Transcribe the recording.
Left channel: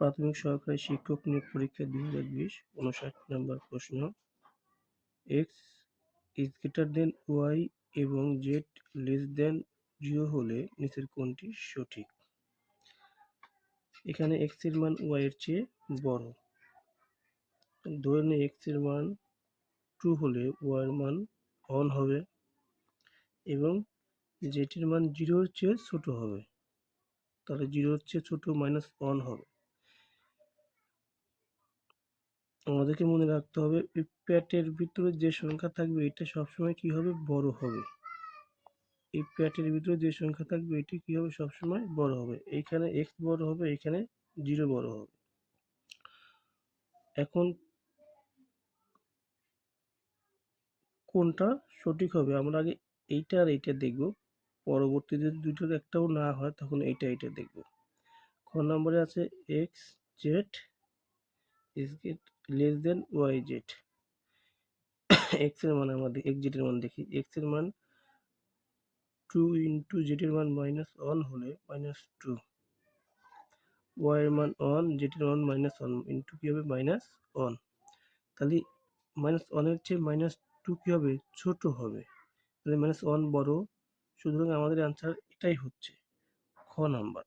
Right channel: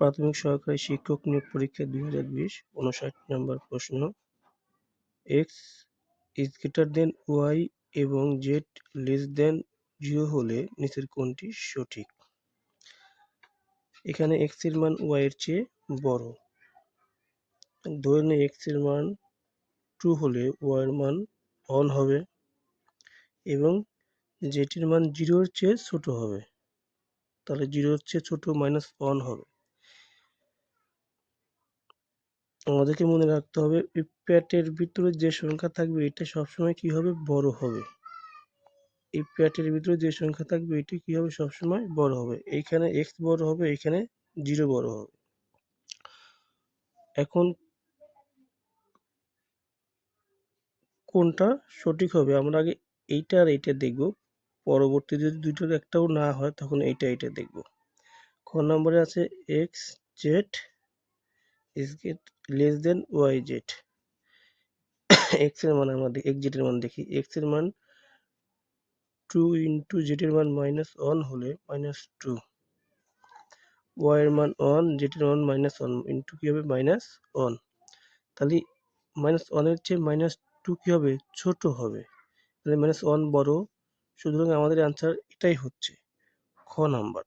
প্রাথমিক সহকারী শিক্ষক নিয়োগ পরীক্ষা 2020 59 নম্বর প্রশ্ন। x is greater than y এবং z less than 0 হলে নিচের কোনটি সঠিক? এখানে x এর মান y এর চেয়ে বড়। ধরে নিই x এর মান 2 হলে y এর মান 1 হবে এবং z এর মান 0 এর চেয়ে ছোট হবে। তাহলে 0 এর চেয়ে ছোট -1 হবে। আমাদেরকে মনে রাখতে হবে এই প্যাটের ভিতরে যে সংখ্যা থাকবে এটা সবসময় কি হবে? বড় হবে। এই প্যাটের ভিতরে যে সংখ্যা থাকবে এটি কি হবে? সবসময় বড় হবে। এইখানে x বড় হবে, এইখানে 0 বড় হবে। এখন কোনটা সঠিক হবে? আমরা আগে এইটা আর এইটা দেখব। পরবর্তীতে যদি দুইটার একটাও না হয় তখন এইটা দেখব। খ নম্বরে আছে xz is less than yz। x এর মান আমরা xz এর মান দেখি। x এর মান 2 into z এর মান -1 হলে -2, y এর মান 1, z এর মান -1 into কি হবে? -1। তাহলে -1 এর চেয়ে -2 কি হবে? ছোট হবে। তাহলে -1 বড়। সুতরাং আমাদের অ্যান্সার এটাই হচ্ছে খ নাম্বার।